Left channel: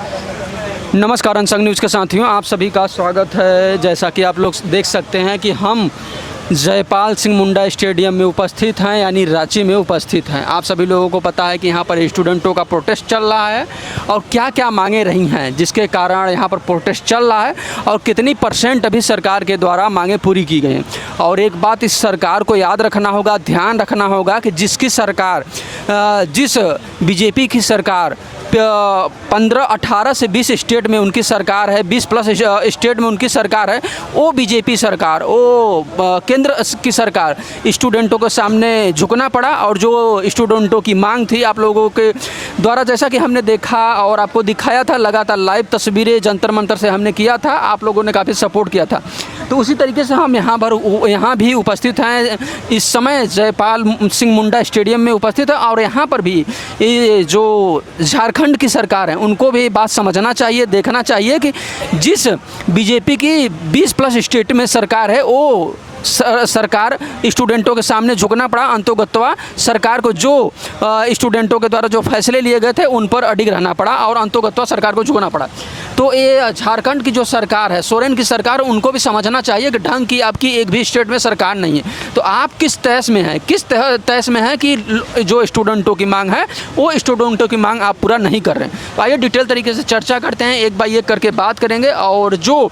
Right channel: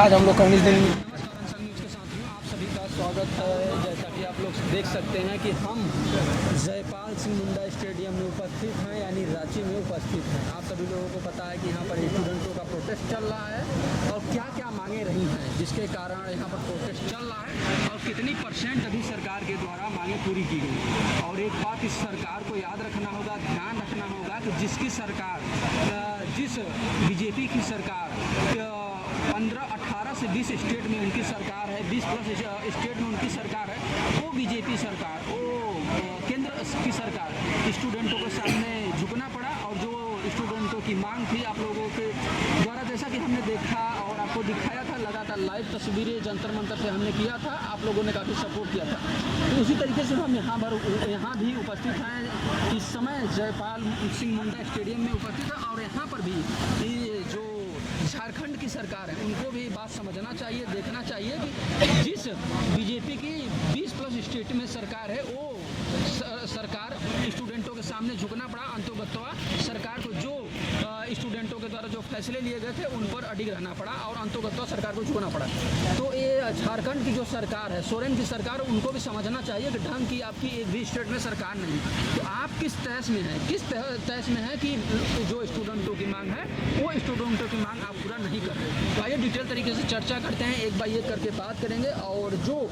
नमस्कार unsung news के साथियों, आप सभी का स्वागत है। जैसा कि आप लोग देख सकते हैं कि हम जयपाल सिंह मुंडा स्टेडियम में उपस्थित हैं, यानी रांची में उपस्थित हैं। आप सभी लोगों को पता है कि यहाँ पर स्टूडेंटों का प्रोटेस्ट चल रहा है और क्या क्या मांगे रही हैं जिसके कारण यहाँ पर प्रोटेस्ट चल रहा है और कितनी % अभी सरकार के द्वारा मांगे पूरी की गई हैं। और एक बात इस सरकार को याद रखना होगा, ध्यान रखना होगा कि जिस बीजेपी की सरकार 18 से 20 स्टेट में उनकी सरकार है, 20+ स्टेट में उनकी सरकार है, वो बीजेपी सरकार, वो केंद्र की सरकार, स्टूडेंटों के सामने झुकना पड़ा। और जो स्टूडेंटों की मांग थी, आप लोगों के द्वारा जैसा कि हमने देखा और आपको दिखाया था, लगातार लाइव तस्वीरें जंतर मंतर से हमने किया था, आप लोगों ने काफ़ी सपोर्ट किया था। तो उसी तरीके से हम यहाँ भी उपस्थित हैं इस समय जयपाल सिंह मुंडा स्टेडियम में उपस्थित है। और यहाँ पर भी ये जो झारखंड की सरकार है, उनको भी बात समझना चाहिए, देखना चाहिए कि जिस बीजेपी की 20+ स्टेट में सरकार है, वो सरकार स्टूडेंटों के सामने झुकना पड़ा। अंतोगत्वा सरकार को जो स्टूडेंटों के द्वारा जो फैसले लिए गए थे उन पर अडिग रहना पड़ा और अंतोगत्वा सरकार को झुकना पड़ा। तो ये झारखंड की जो सरकार है, सोरेन की सरकार, उनको भी समझना चाहिए कि ढंग की आपकी एक भी स्टेट में सरकार नहीं है। तो आप किस तहस में हैं, किस तहस में है कि जो स्टूडेंटों की मांग है वो स्टूडेंटों की मांग आप पूरा नहीं कर रहे हैं। तो आइए डिटेल तरीके से चर्चा करते हैं, एक बार एक करके बात करेंगे और जो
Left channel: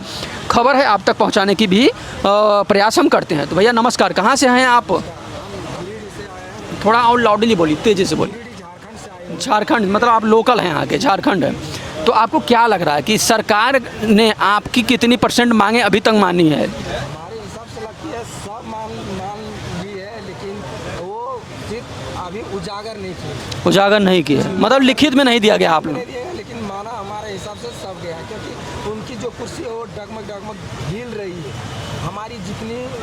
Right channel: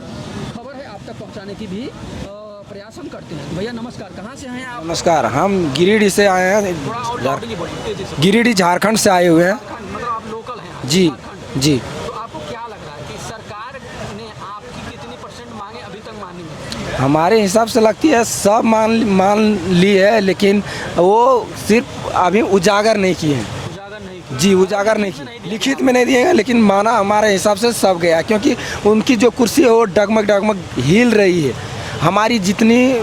खबर है आप तक पहुंचाने की भी प्रयास हम करते हैं। तो भैया नमस्कार, कहाँ से हैं आप? नमस्कार, हम गिरिडीह से आए हैं। थोड़ा और लाउडली बोलिए, तेजी से बोलिए। गिरिडीह झारखंड से आए हुए हैं। झारखंड मतलब आप लोकल हैं आज? झारखंड है जी। तो आपको क्या लग रहा है कि सरकार ने आपकी कितनी % मांगे अभी तक मानी है? हमारे हिसाब से लगती है सब मान ली है, लेकिन वो सिर्फ अभी उजागर नहीं किए हैं। उजागर नहीं किए जी, मतलब लिखित में नहीं दिया गया? लिखित में नहीं दिया गया, लेकिन माना हमारे हिसाब से सब गया, क्योंकि उनकी जो कुर्सी है वो डगमग हिल रही है। हमारी जितनी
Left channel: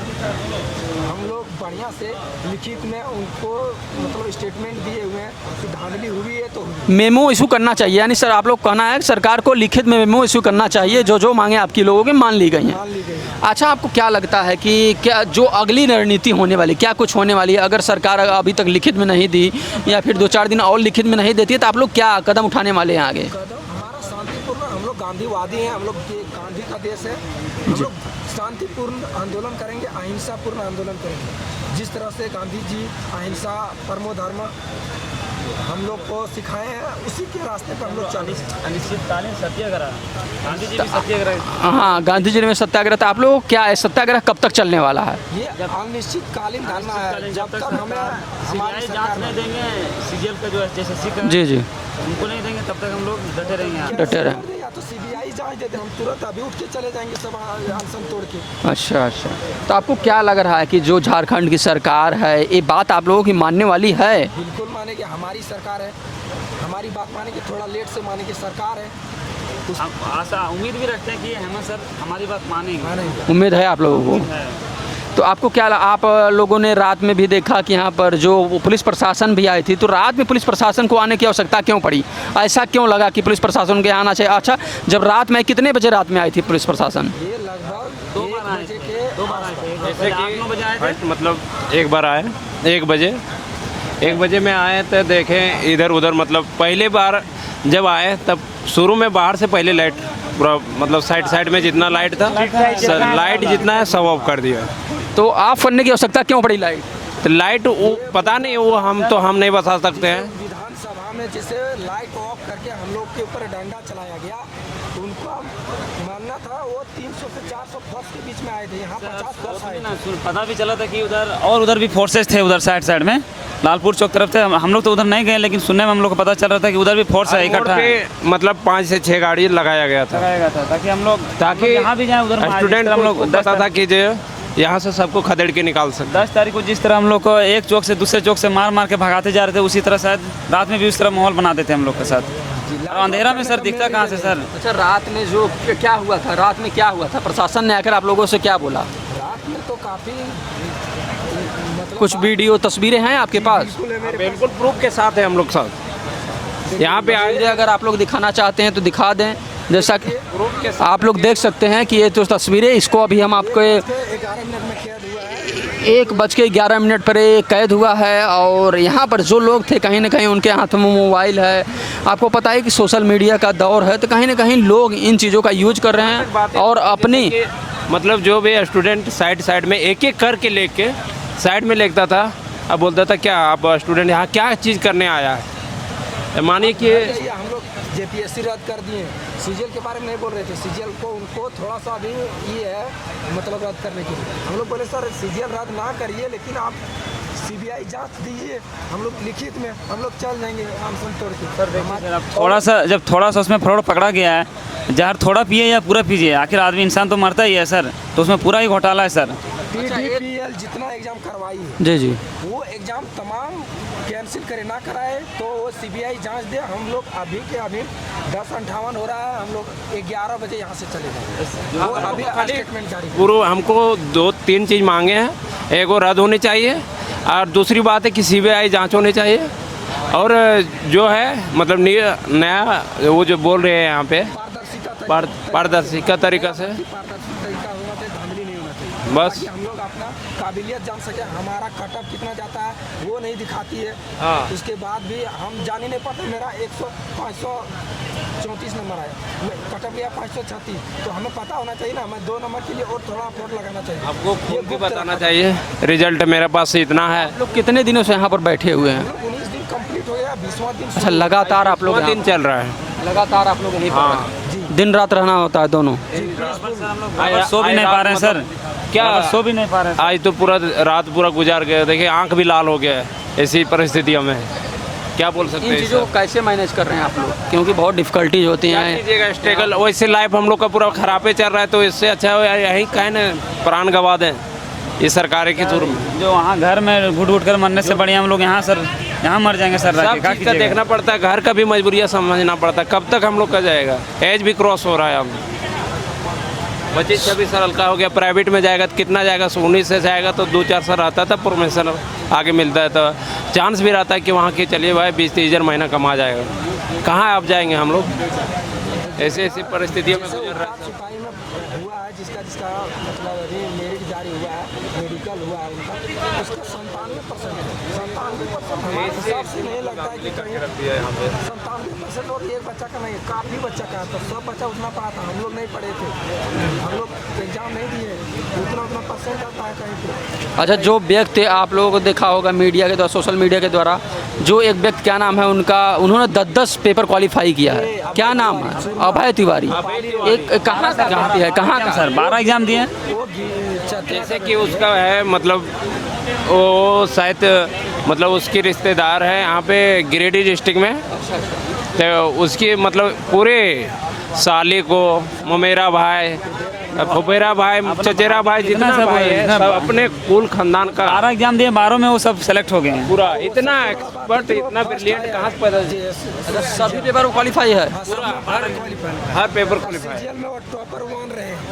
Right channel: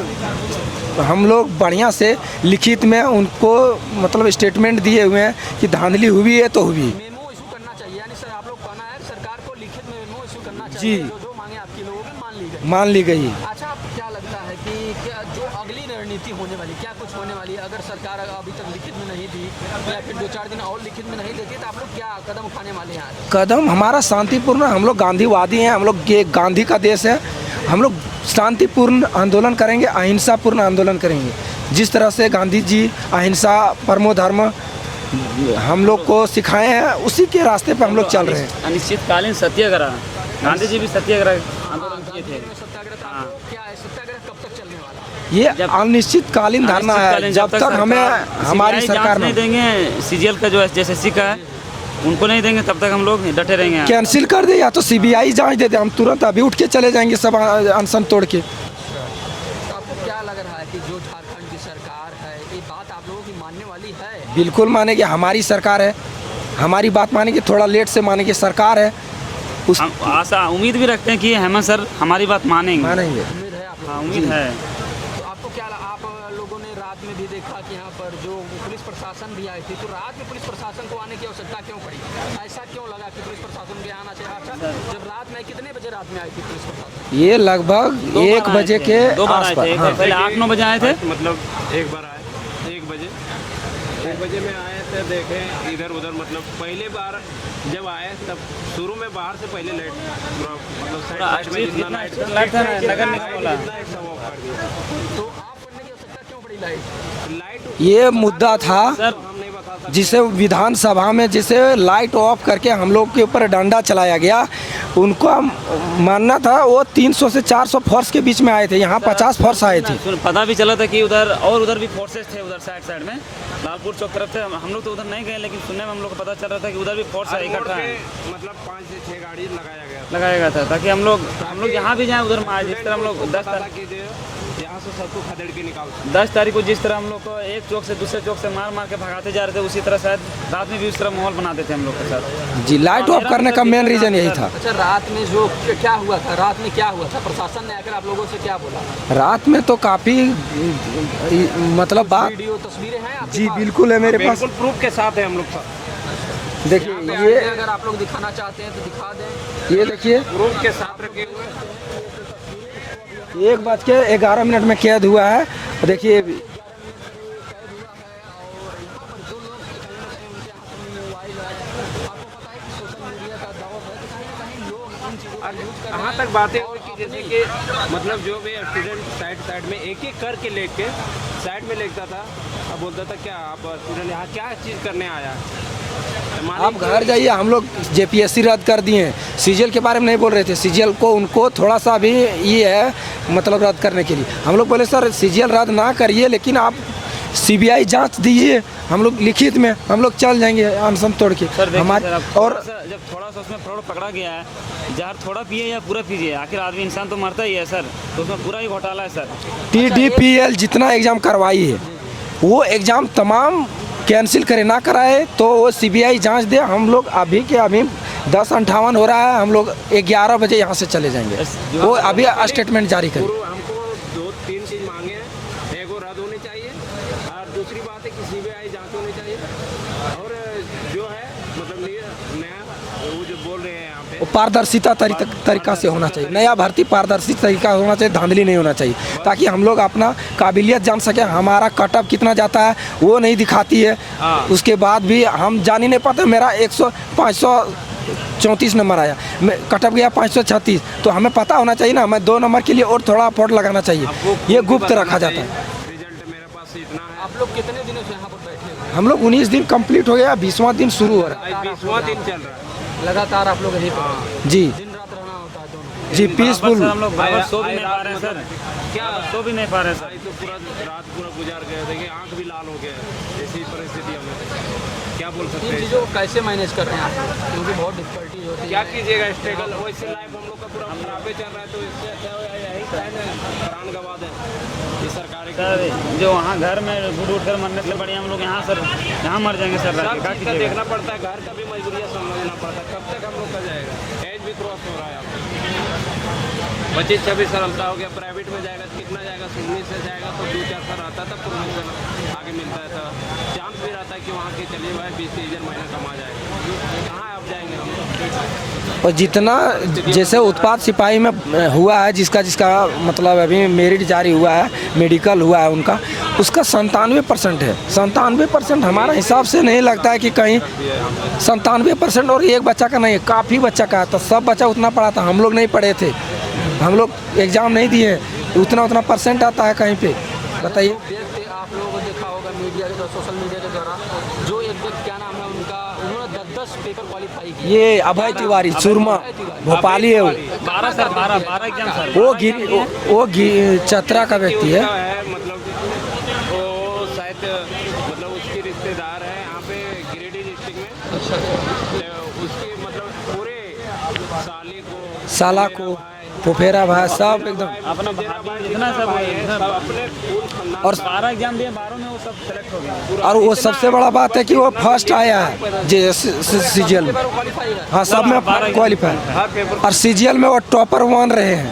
हम लोग बढ़िया से लिखित में उनको मतलब स्टेटमेंट दिए हुए हैं कि धांधली हुई है तो हुई। मेमो इशू करना चाहिए, यानी सर आप लोग कहना है कि सरकार को लिखित में मेमो इशू करना चाहिए, जो मांगे आपकी लोगों की मान ली गई। अच्छा, आपको क्या लगता है कि क्या जो अगली रणनीति होने वाली, क्या कुछ होने वाली है? अगर सरकार अभी तक लिखित में नहीं दी या फिर 2-4 दिन और लिखित में नहीं देती है, तो आप लोग क्या कदम उठाने वाले हैं आगे? कदम हमारा शांतिपूर्ण, हम लोग गांधीवादी हैं, हम लोग ये गांधी का देश है। हम लोग शांतिपूर्ण आंदोलन करेंगे, अहिंसापूर्ण आंदोलन करेंगे। जिस तरह से गांधी जी अहिंसा परमो धर्म हम लोग को सिखाए हैं, उसी के रास्ते पर हम लोग चल रहे हैं। अनिश्चितकालीन सत्याग्रह, गांधी जी भी सत्याग्रह। हाँ, गांधी जी ने सत्याग्रह था। आप लोग क्या है, सत्याग्रह कब तक चलने वाला है? ये अनिश्चितकालीन धरना है, जब तक हमें हमारी सरकार नहीं देंगे। CGL का जो SSC का है, जी उनको नहीं देंगे तब तक हम लोग डटे रहेंगे। कैंसिल कर दे या तो CBI जांच दे दे, हम तुरंत अभी उठ के चले जाएंगे सब अनशन तोड़ के। अच्छा। तो आपको क्या लग रहा है कि जो झारखंड की सरकार है, ये बात आप लोगों की मानने वाली है? बिल्कुल मानेगी, हमारी सरकार है, हमारी बात मानेगी। थोड़ा लेट से मानेगी, सरकार है। हम आशा उम्मीद भी रखते हैं कि हेमंत सर हमारी बात मानेंगे। उम्मीद है आप लोगों को? है। तो आपको क्या आप लोगों ने रात में भी देखा कि यहाँ पर जो पुलिस प्रशासन भी आई थी, तो रात में पुलिस प्रशासन को आने की आवश्यकता क्यों पड़ी? ऐसा क्यों लगा कि पुलिस प्रशासन के आना चाहिए? अच्छा, जब रात में कितने बजे रात में आई थी पुलिस प्रशासन? ये लगभग 1 बजे के आसपास। 8-9 बजे आए थे। मतलब एक बार आए 1 बजे में आए तो देखें इधर उधर। मतलब पहले बार जब आए तब शुरू में बाहर से पहले लाइट पूरा मतलब साइड में जितना लाइट था, लाइट जितना है सब ऑफ कर दिया। तो ऑफ करने की आवश्यकता क्यों पड़ी लाइट? तो लाइट ये मुद्दा था, हम नहीं बता सकते। जिसे विधानसभा में जिसे लाइट ऑफ करके हम लोग के ऊपर डंडा चलाया गया, उनको मानना था वो 300 से 400 फोर्स के बीच में आए थे, यहाँ 50 फोर्स आए थे। पता भी चला था कि उधर भी फोर्सेस थे, उधर साइड में लालपुर चौक तरफ थे। हम लोग तो उधर नहीं गए, लेकिन सुनने में हम लोग को पता चल रहा था कि उधर भी फोर्स है इकट्ठा। मतलब 5 से 6 गाड़ी लगाया गया था ताकि हम लोग यहाँ भी जाए, उधर स्टूडेंट हम लोग पता था कि जो यहाँ से सबको खदेड़ के निकाल सकते। 10 तारीख को जिस तरह हम लोग को एक चौक से दूसरे चौक से मार के भगाते जा रहे थे, उसी तरह शायद रात में भी उस तरह माहौल बना देते हम लोग के साथ। जी, लाइट ऑफ करने का मेन रीजन यही था। अच्छा, रात में जो क्या हुआ था, रात में क्या हुआ था? प्रशासन ने आकर आप लोगों से क्या बोला? रात में तो काफ़ी मतलब कुछ वीडियो तस्वीरें हैं आपके पास? बिल्कुल है मेरे पास, बिल्कुल प्रूफ के साथ है हम लोग साथ। यहाँ पे अगर आप लोग दिखाना चाहते हैं तो दिखा दें। जैसा कि आप लोग देख सकते हैं कि ये तो तस्वीरें, इसको अभी हम आपको 1:11 में कैद हुआ है। 1:11 पर ये कैद हुआ है। और यहाँ पर जो लोग थे कहीं ना कहीं उनके हाथ में मोबाइल है। आपको पता है कि सोशल मीडिया का दौर है, तो कहीं ना कहीं लोग इन चीज़ों का यूज कर रहे हैं और अपनी मतलब जो भी स्टूडेंट साइड में एक एक करके लेके साइड में लेता था। अब बोलता था क्या आप स्टूडेंट यहाँ क्या चीज़ करने आया है, मानिए आप घर जाइए। हम लोग जेपीएससी रद्द कर दिए हैं। सीजीएल के बारे में नहीं बोल रहे थे। सीजीएल को उनको थोड़ा सा भी ये है मतलब रद्द करने के लिए। हम लोग बोले सर सीजीएल रद्द ना करिए, लेकिन आप सीबीआई जांच दीजिए। हम लोग लिखित में हम लोग चल जाएंगे अनशन तोड़ के। हमारे थोड़ा सा उसमें फ्रॉड पकड़ा गया है, जहर थोड़ा पिए या पूरा पीजिए, आखिर आदमी इंसान तो मरता ही है सर। तो उसमें पूरा ही घोटाला है सर। TDPL जितना एग्ज़ाम करवाई है जी जी वो एग्ज़ाम तमाम कैंसिल करे ना कराए तो वो सीबीआई जांच दे। हम लोग अभी के अभी 10:58 हो रहा है। हम लोग 11 बजे यहाँ से चले जाएंगे। वो अभी स्टेटमेंट जारी करें। पूरा हमको 2-3 चीज़ मांगे हैं। एक वो रद्द होनी चाहिए और दूसरी बात है कि सीबीआई जांच होनी चाहिए। और जो है मतलब नया वो जो बोल रहे हैं यहाँ पे पारदर्शिता तरीका से होना चाहिए। नया भर्ती पारदर्शी तरीका होना चाहिए, धांधली नहीं होना चाहिए, ताकि हम लोग अपना काबिलियत जान सके। हमारा कटअप कितना जाता है वो नहीं दिखाती है। उसके बाद भी हम जान ही नहीं पाते। मेरा 534 नंबर आया, मैं कटअप गया 536। तो हमें पता होना चाहिए ना। मैं 2 नंबर के लिए और थोड़ा एफर्ट लगाना चाहिए। ये गुप्त रखा चाहिए। रिजल्ट मेरे पास इतना है। आप लोग कितने दिनों से यहाँ पर बैठे हुए हैं? हम लोग 19 दिन कंप्लीट हो गया, 20वां दिन शुरू। लगातार आप लोग दिन चल रहा है। लगातार आप लोग यहीं पर जी दिन रात रहना होता है दोनों? जी पीसफुल। सो भी नहीं पा रहे हैं सर। क्या सो भी नहीं पा रहे हैं। आज तो पूरा रात पूरा गुजार गया। देखिए आंख भी लाल हो गया है ऐसी परिस्थितियों में। क्या बोल सकते इन हैं चीज़ों को कैसे मैनेज कर रहे हैं आप लोग? क्योंकि बहुत डिफिकल्टीज होती क्या हैं। कीजिएगा, स्ट्रगल वैसे लाइफ हम लोग का पूरा खराबे चल रहा है। तो इससे अच्छा हो यहीं कहीं ना प्राण गंवा दें इस सरकार के थ्रू। जो वहाँ घर में घुट घुट कर मरने से बढ़िया हम लोग यहाँ सर यहाँ मर जाएंगे सर। सब चीज़ का देखना पड़ता है, घर का भी मजबूरियाँ समझना पड़ता है। कब तक हम लोग का जाएगा? एज भी क्रॉस हो रहा है अब। 25-26 साल का हो गया। प्राइवेट में जाएगा तो कितना जाएगा? 19 से जाएगा तो 2-4 साल रहता था, प्रमोशन आगे मिलता है तो चांस भी रहता है कि वहाँ के चलिए भाई 20-30 हज़ार महीना कमा जाएगा। कहाँ आप जाएंगे हम लोग? और जितना जैसे उत्पाद सिपाही में हुआ है, जिसका मतलब अभी मेरिट जारी हुआ है, मेडिकल हुआ है उनका, उसका 97% है। 97% हमारा हिसाब से नहीं लगता है कि कहीं 97%। और एक बच्चा का नहीं है, काफ़ी बच्चा का है। तो सब बच्चा उतना पढ़ा था, हम लोग नहीं पढ़े थे। हम लोग एग्ज़ाम नहीं दिए, उतना परसेंट आता है कहीं पे। अच्छा, जो व्यक्ति आप लोगों को देखा होगा मीडिया के द्वारा, सोशल मीडिया के द्वारा, जो एक व्यक्ति क्या नाम है उनका, उन्होंने 10 पेपर क्वालिफाई किया। ये क्या नाम? अभय तिवारी। भोपाली है। कहाँ का व्यक्ति है? कहाँ का सर? वो एग्जाम दिए। वो चतरा का व्यक्ति है। मतलब वो शायद मतलब उसके रिश्तेदार है यहाँ पे गिरिडीह डिस्ट्रिक्ट में। तो उसकी मतलब पूरे साली को, मेरा भाई, फुफेरा भाई, चचेरा भाई, जितना भाई है सब अपने कुल खानदान और का। सारा एग्जाम दिए, 12 में वो सब सेलेक्ट हो गए हैं। और वो सबसे बड़ा बात है कि वो फर्स्ट आया है सीजीएल। क्वालिफाई है। हाँ, सब में क्वालिफाई। हर पेपर और सीजीएल में वो टॉपर 1 रहे हैं।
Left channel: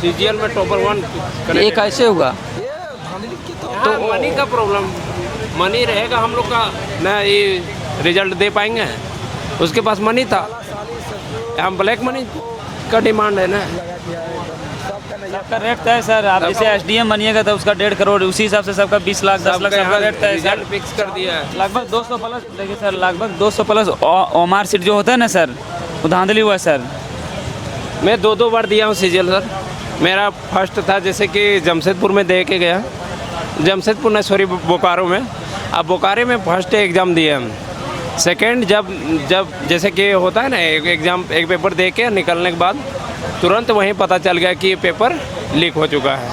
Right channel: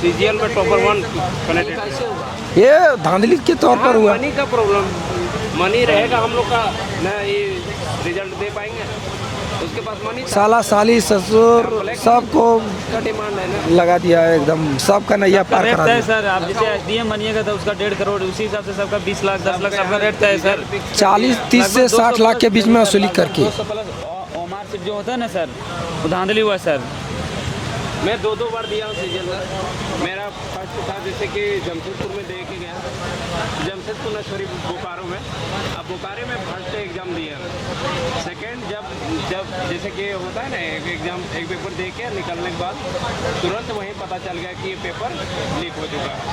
सीजीएल में टॉपर 1। ये कैसे हुआ? ये धांधली के तौर पर हुआ। मनी का प्रॉब्लम, मनी रहेगा हम लोग का ना, ये रिजल्ट दे पाएंगे। उसके पास मनी था, साला साली ससुर हम ब्लैक सबको का डिमांड है ना, लगा दिया है एकदम। सबका नैया पार रेट करा तय सर। आप जैसे एसडीएम बनिएगा तो उसका 1.5 करोड़, उसी हिसाब से सबका 20 लाख 10 लाख सबका रेट तय सर। 40-30 से 60 लाख के बीच में वसूली करके 200 प्लस ओमार सीट जो होता है ना सर, वो धांधली हुआ है सर। मैं 2 बार दिया हूँ सीजीएल सर। मेरा फर्स्ट था जैसे कि जमशेदपुर में दे के गया, जमशेदपुर नहीं सॉरी बोकारो में। अब बोकारो में फर्स्ट एग्ज़ाम दिए हम। सेकंड जब जैसे कि होता है ना, एक एग्ज़ाम एक पेपर दे के निकलने के बाद तुरंत वहीं पता चल गया कि ये पेपर लीक हो चुका है।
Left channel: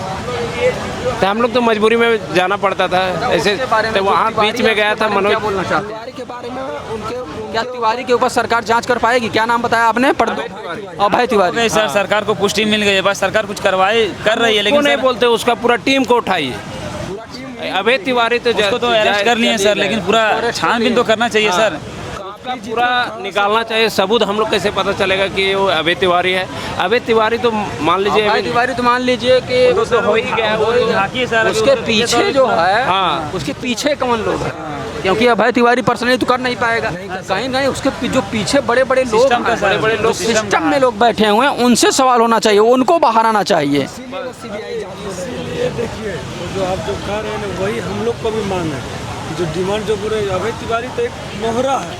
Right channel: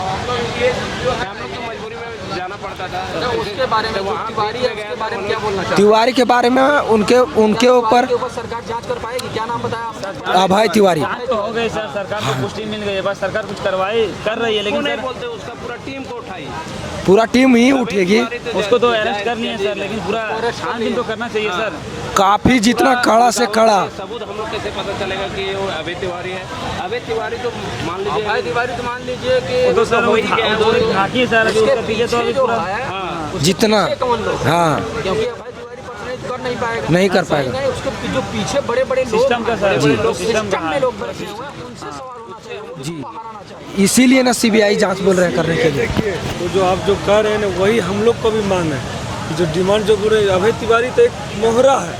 तो हम लोग तो मजबूरी में जाना पड़ता था ऐसे। तो वहाँ बीच में गया था मनोज तिवारी के बारे में उनके ऊपर सरकार जांच कर पाएगी? क्या नाम बताया आपने? अभय तिवारी। अभय तिवारी सर, सरकार को पुष्टि मिल गई है, बस सरकार कुछ करवाई कर रही है, लेकिन नहीं सर बोलते उसका पूरा टीम को उठाइए। पूरा टीम ही अभय उठेगी। तिवारी उसको तो अरेस्ट कर लिए सर, लेकिन पूरा छानबीन तो करना चाहिए सर। काफी जितना कड़ा से निकालना कड़ा चाहिए। सबूत हम लोग कैसे पता चलेगा कि वो अभय तिवारी है? अभय तिवारी तो मान लीजिए अभय तिवारी तो मान लीजिए कि वो तो हो ही गया है, वो तो झांकी सर अभी उसके उसके पीछे जो है हाँ उसके जितना- पीछे कौन लोग हैं? हाँ। क्योंकि अभय तिवारी पर्सनली तो कर नहीं पाएगा, नहीं कर कहीं पाएगा। नहीं उसके जो पीछे बड़े बड़े लोग सिस्टम का हैं, सर, बड़े-बड़े जी, लोग, सिस्टम सिस्टम का में है। लोग बैठे हुए हैं, उनसे सवाल होना चाहिए, उनको बाहर आना चाहिए। इसीलिए ना सीबीआई जांच बोल रहे हैं करने के लिए। देखिए तो जो आप जो कह रहे हैं ना वही हम लोग को भी मांग है। जो डिमांड जो पूरे अभय तिवारी तो एक मोहरा है,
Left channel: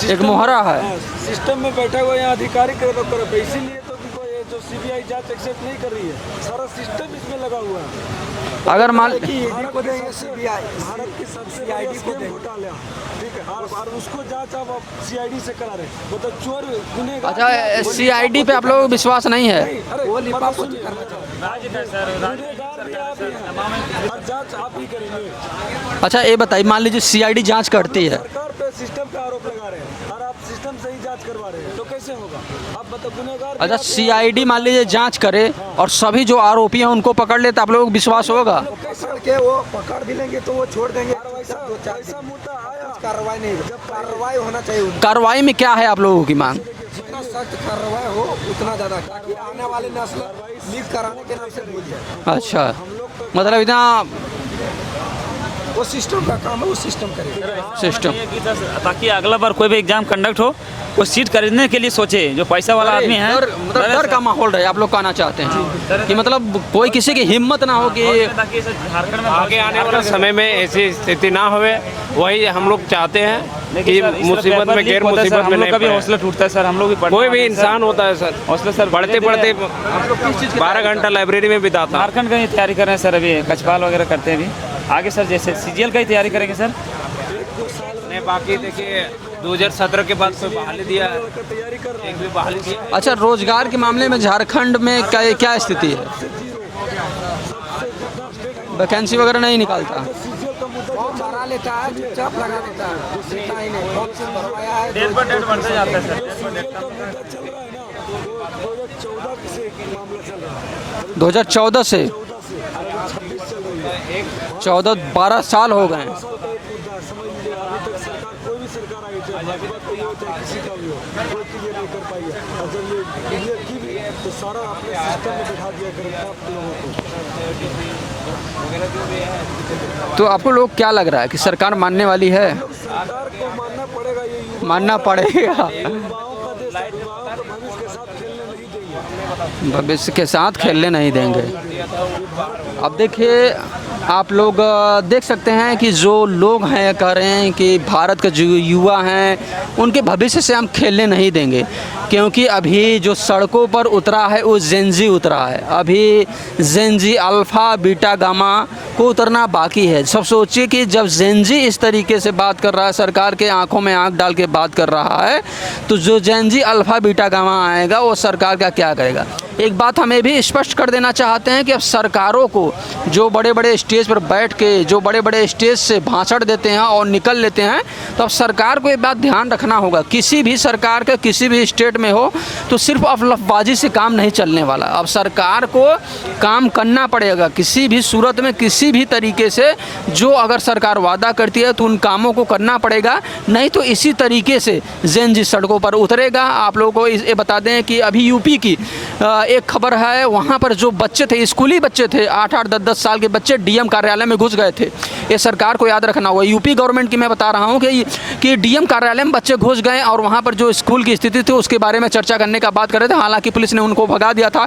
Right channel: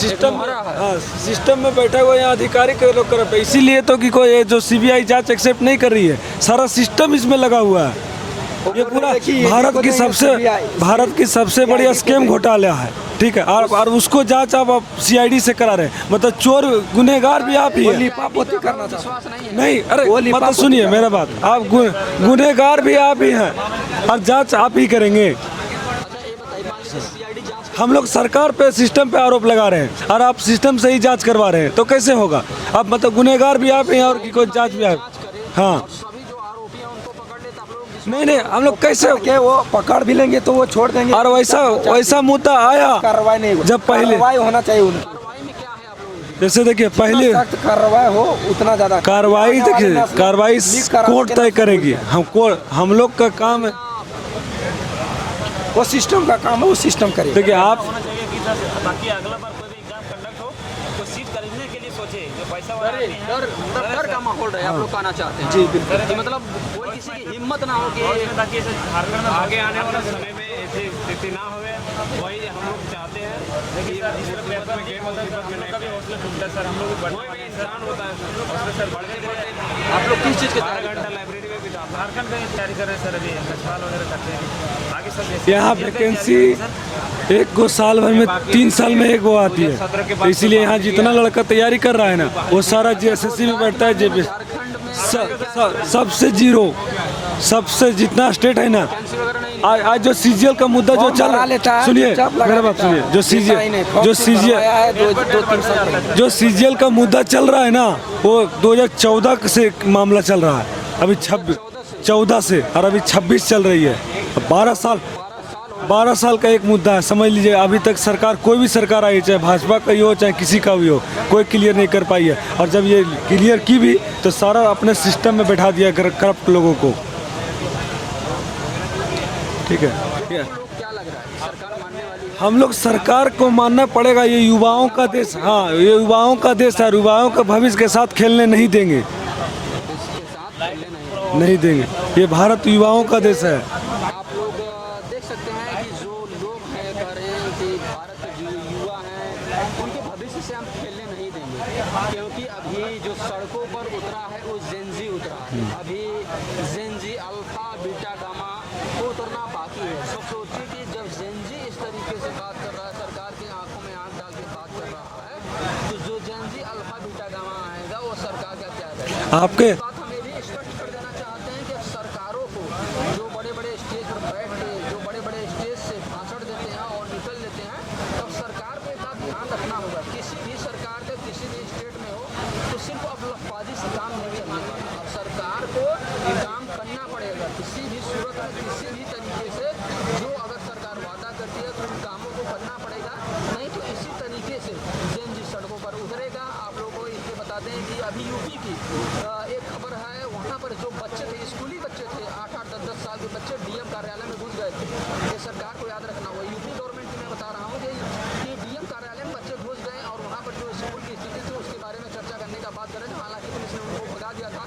सिस्टम मोहरा में- है। हाँ, सिस्टम में बैठा हुआ यहाँ अधिकारी के लोग कर रहे हैं। इसीलिए तो कि कोई ये जो सीबीआई जांच एक्सेप्ट नहीं कर रही है, सारा सिस्टम इसमें लगा हुआ है। अगर मान भारत की सबसे बड़ी स्कैम घोटाला है, ठीक है, और उसको जांच आप सीआईडी से करा रहे हैं। मतलब चोर गुनहगार भी आप ही हैं। सीआईडी पे आप लोगों को विश्वास नहीं है? नहीं, अरे मतलब सुनिए मेरा बात, आप गुनहगार भी आप ही हैं और जांच आप ही करेंगे। अच्छा ये बताइए, मान लीजिए सीआईडी जांच हम करती लोग है, सरकार पे सिस्टम पे आरोप लगा रहे हैं और आप सिस्टम से ही जांच करवा रहे हैं, तो कैसे होगा? आप मतलब गुनहगार भी अगर आप ही हैं और सीआईडी उनको मान लीजिए दिया। जांच करे हाँ। और सभी जो आरोपी हैं उनको पकड़ ले तो आप लोगों को विश्वास नहीं, होगा? हम लोग कैसे, कि वो पकड़ भी लेंगे तो वो छोड़ देंगे। और वैसा मुद्दा आया कार्रवाई नहीं होगी। जब पहले- कार्रवाई होना चाहिए उनका। कार्रवाई में क्या है आप लोगों की मांग? जैसे देखिए पहले सख्त कार्रवाई हो उतना ज्यादा कार्रवाई देखिए, कार्रवाई कोर्ट तय करेगी। अच्छा। हम लोग का मतलब काम- इतना वो सिस्टम का काम है, वो सिस्टम करेगा। देखिए आप सिस्टम ताकि अगला बार कोई भी एग्जाम कंडक्ट हो वो सीट खरीदने के लिए सोचे जो पैसा वाला आदमी है। मतलब डर का माहौल रहे, आप लोग कहना चाहते हैं कि मतलब कोई किसी की हिम्मत ना हो कि आगे आने वाला समय में ऐसी स्थिति ना होवे, वही हम लोग चाहते हैं कि मुसीबत में गैर मुसीबत में नहीं कभी पड़े। हौसला टूटता है सर, हम लोग भी पढ़ते कोई भी हैं। इंसान होता है सर, हौसला सर पढ़ते पढ़ते आप लोग किस चीज़ की 12 घंटा लाइब्रेरी में बिताता। झारखंड का ही तैयारी कर रहे हैं सर, अभी कचपाल वगैरह करते हैं अभी। आगे सर जैसे यहाँ सीजीएल का ही तैयारी वैकेंसी- करेंगे सर। एक को साल भर में 3 साल में एक वो आती 2017 के है, बाद इसीलिए यहाँ जितना लड़का तैयारी कर रहा है ना वो सारा अच्छा JSS में रोजगार के बैठता है, मामले में JP झारखंड में क्या स्थिति है? सबसे जीरो, सबसे जितना स्टेट है ना। वैकेंसी वगैरह नहीं आज निकालता? जो सीजीएल का मुद्दा जो फॉर्म चल भरा लेता है, सुनिए चुपचाप लगा मेरा बात रहता है। सुनिए, जो डेढ़ बढ़ता जाता है सर। जो सीजीएल का मुद्दा चल रहा है ना वो 2014 से मामला चल रहा है, अभी 2014 से 14 से, और अभी 26 चल रही है। 12 साल हो गए। 12 साल का एक मुद्दा है, समझ लीजिए। अभी तक सरकार, कोई भी सरकार आई, चाहे भाजपा का ही हो चाहे किसी का भी हो, कोई क्लियर नहीं कर पाई है। और जब ये क्लियर की भी तो सारा अपने सिस्टम में बैठा दिया करप्ट लोगों को, ठीक है। तो आपको लोग क्या लग रहा है कि सरकार मानने वाली है? हम लोग सरकार को मानना पड़ेगा, ये युवाओं मानना का देश, पड़ेगा। हाँ, ये युवाओं का देश है, युवाओं का भविष्य के साथ खेलने नहीं देंगे, भविष्य के साथ खेलने नहीं देंगे। नहीं देंगे। ये भारत युवाओं अब का देखिए, देश है। आप लोग देख सकते हैं कि जो लोग हैं कह रहे हैं कि भारत के जो युवा हैं उनके भविष्य से हम खेलने नहीं देंगे, क्योंकि अभी जो सड़कों पर उतरा है वो जेनजी उतरा है। अभी जेनजी अल्फ़ा बीटा गामा को उतरना बाकी है। सब सोचिए कि जब जेनजी इस तरीके से बात कर रहा है, सरकार के आंखों में आंख डाल के बात कर रहा है, तो जो जेनजी अल्फ़ा बीटा गामा आएगा वो सरकार का क्या करेगा? आपके- एक बात हमें भी स्पष्ट कर देना चाहते हैं कि अब सरकारों को जो बड़े बड़े स्टेज पर बैठ के जो बड़े बड़े स्टेज से भाषण देते हैं और निकल लेते हैं, तो अब सरकार को ये बात ध्यान रखना होगा। किसी भी सरकार का किसी भी स्टेट में हो तो सिर्फ अफवाहबाजी से काम नहीं चलने वाला। अब सरकार को काम करना पड़ेगा किसी भी सूरत में, किसी भी तरीके से। जो अगर सरकार वादा करती है तो उन कामों को करना पड़ेगा, नहीं तो इसी तरीके से जेनजी सड़कों पर उतरेगा। आप लोगों को ये बता दें कि अभी यूपी की एक खबर है, वहाँ पर जो बच्चे थे, स्कूली बच्चे थे, 8-8, 10-10 साल के बच्चे डीएम कार्यालय में घुस गए थे। ये सरकार को याद रखना होगा। यूपी गवर्नमेंट की मैं बता रहा हूँ कि डीएम कार्यालय में बच्चे घुस गए और वहाँ पर जो स्कूल की स्थिति थी उसके बारे में चर्चा करने का बात कर रहे थे। हालांकि पुलिस ने उनको भगा दिया था,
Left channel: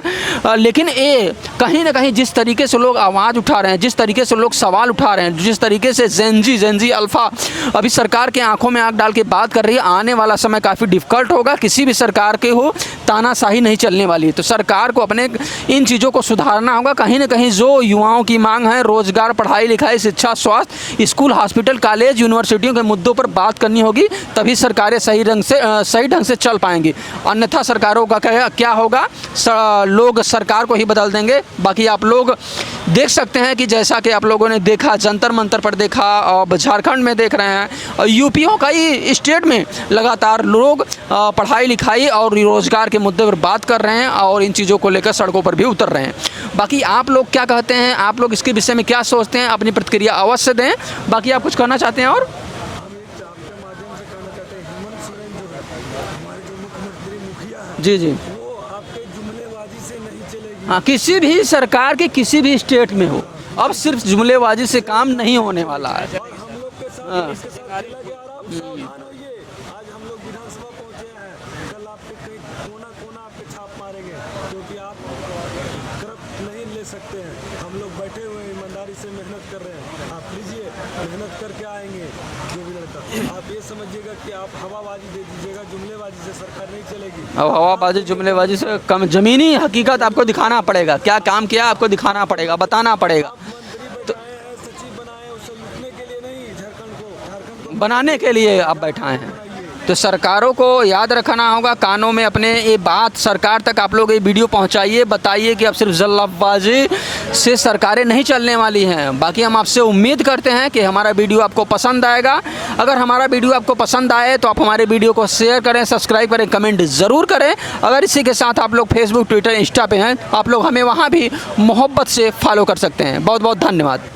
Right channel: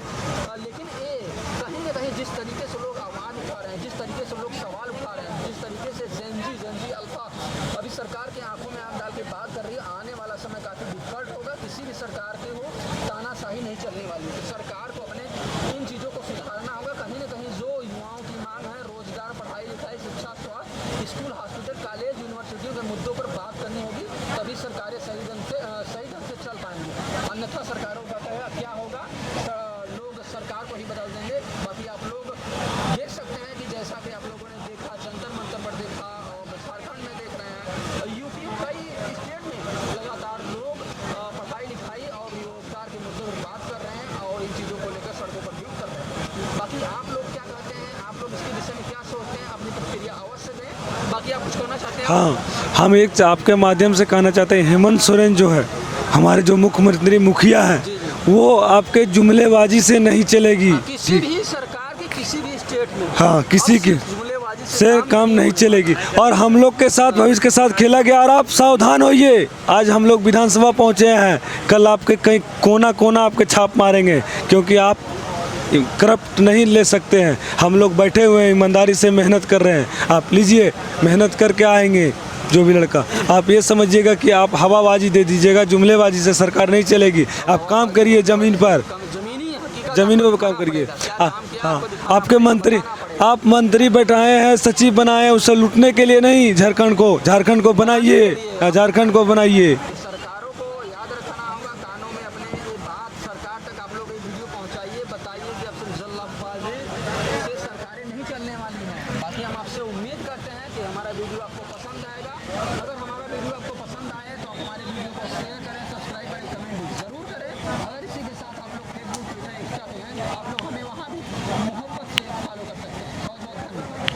लेकिन ये कहीं ना कहीं जिस तरीके से लोग आवाज़ उठा रहे हैं, जिस तरीके से लोग सवाल उठा रहे हैं, जिस तरीके से जेनजी अल्फ़ा अभी सरकार के आंखों में आंख डाल के बात कर रही है, आने वाला समय काफ़ी डिफ़िकल्ट होगा। किसी भी सरकार के हो तानाशाही नहीं चलने वाली। तो सरकार को अपने इन चीज़ों को सुधारना होगा। कहीं ना कहीं जो युवाओं की मांग है, रोजगार, पढ़ाई लिखाई, शिक्षा, स्वास्थ्य, स्कूल, हॉस्पिटल, कॉलेज, यूनिवर्सिटियों के मुद्दों पर बात करनी होगी, तभी सरकारें सही ढंग से चल पाएंगी। अन्यथा सरकारों का क्या होगा, लोग सरकार को ही बदल देंगे। बाकी आप लोग देख सकते हैं कि जैसा कि आप लोगों ने देखा, जंतर मंतर पर देखा, और झारखंड में देख रहे हैं, और यूपीओं का ही स्टेट में लगातार लोग पढ़ाई लिखाई और रोजगार के के मुद्दे पर बात कर रहे हैं और इन चीज़ों को लेकर सड़कों पर भी उतर रहे हैं। बाकी आप लोग क्या कहते हैं, आप लोग इसके विषय में क्या सोचते हैं, अपनी प्रतिक्रिया अवश्य दें। बाकी आप कुछ कहना चाहते हैं? और हाँ, हम एक आपके माध्यम से कहना चाहते हैं, हेमंत सोरेन जो है हमारे जो मुख्यमंत्री मुखिया है, जी जी, वो आपके जुमलेबाजी से नहीं चलेगी। हाँ, किसी भी सरकार के किसी भी स्टेट में हो, हाँ, किसी अब सिर्फ जुमलेबाजी से काम नहीं होने चलेगी। वाला है। और हम लोग के साथ भविष्य के साथ खेला गया और आप सावधान होइए। आज हम लोग विधानसभा पहुंचे हैं, कल आपके कहीं कोना कोना आपके छाप मारेंगे, क्योंकि आप करप्ट नहीं ले सकते हैं। हम लोग बैठे हुए हैं, ईमानदारी से मेहनत कर रहे हैं। आप लीजिए, मेहनत करके आएंगे जो भी लड़का। आप ये समझिएगा कि आप हवाबाजी दे दीजिएगा, जुमलेबाजी से सरकार नहीं चलेगी। आप काम करिए जमीन पर, जमीनी हकीकत आपको दिखाना पड़ेगा, क्या काम किया आपको दिखाना पड़ेगा, बताना पड़ेगा। आप मंत्री बैठाए हैं, सचिव बनाए, उसे लूटने के लिए नहीं, झारखंड को बनाने के लिए आप झारखंड को बनाइए। तो सरकारों को याद रखना होगा, कानों में अपने ये बात सरकार तक आप लोग ये वीडियो पहुंचाइए, बताइए कि अब सिर्फ जल्दबाजी से सरकारें नहीं चलने वाली हैं। बाकी हम आपसे उम्मीद करते हैं कि हमारा वीडियो आपको पसंद आएगा। अगर हमारा वीडियो आपको पसंद आए तो आप हमारे वीडियो को शेयर करें, सब्सक्राइब करें, कमेंट ज़रूर करें। अगर इसी के साथ आप लोग फेसबुक, ट्विटर, इंस्टा पे हैं, आप लोग हमें वहाँ भी मोहब्बत से फॉलो कर सकते हैं। बहुत बहुत धन्यवाद।